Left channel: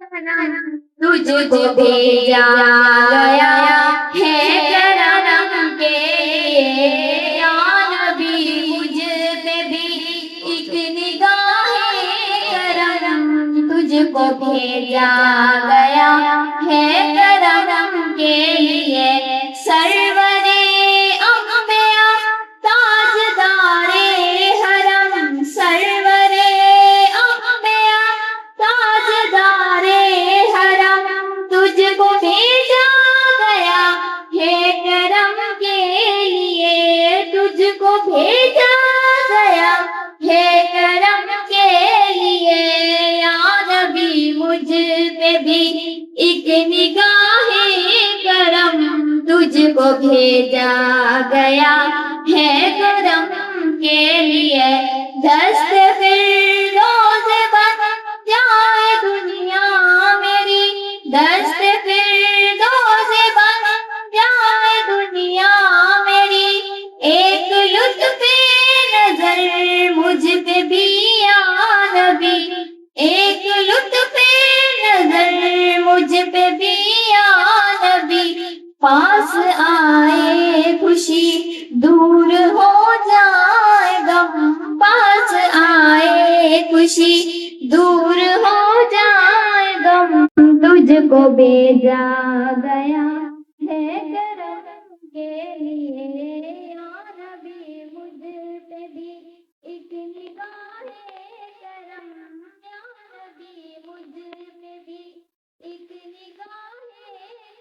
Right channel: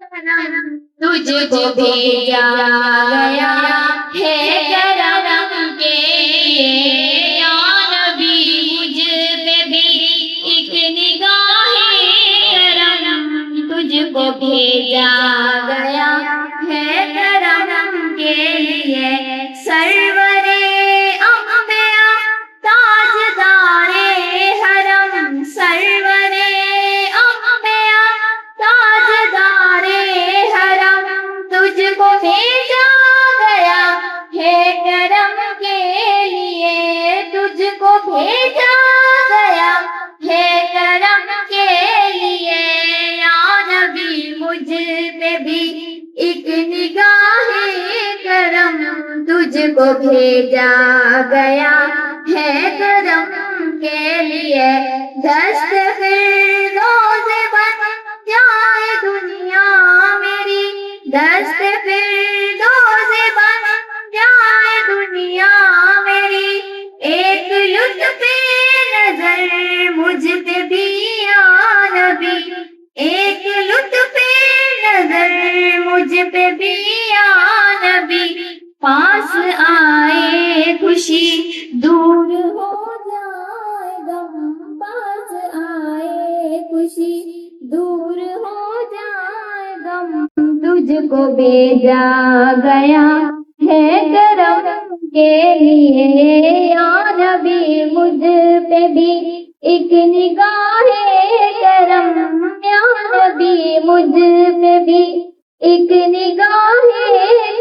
تجھ کو بھیجا گیا ہے کرم کے یا نبی، مجھ پہ بھی ایک نگاہ کرم، تجھ کو بھیجا گیا ہے کرم کے لیے، سرور انبیاء تاجدار حرم، سرور انبیاء تاجدار حرم، تجھ کو بھیجا گیا ہے کرم کے لیے، تجھ کو بھیجا گیا ہے کرم کے لیے، یا نبی مجھ پہ بھی ایک نگاہ کرم، تجھ کو بھیجا گیا ہے کرم کے لیے، دست فردوس بن جائے دنیا میری، دست فردوس بن جائے دنیا میری، ایک لطف نظر مجھ پہ بھی یا نبی، ایک لطف نظر مجھ پہ بھی یا نبی، پاس آئے خوشی دور ہو جائے غم، پاس آئے خوشی دور ہو جائے غم، تجھ کو بھیجا گیا ہے کرم کے لیے، یا نبی مجھ پہ بھی ایک نگاہ کرم، یا نبی مجھ پہ بھی ایک نگاہ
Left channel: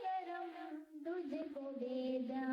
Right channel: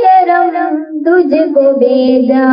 کرم، تجھ کو بھیجا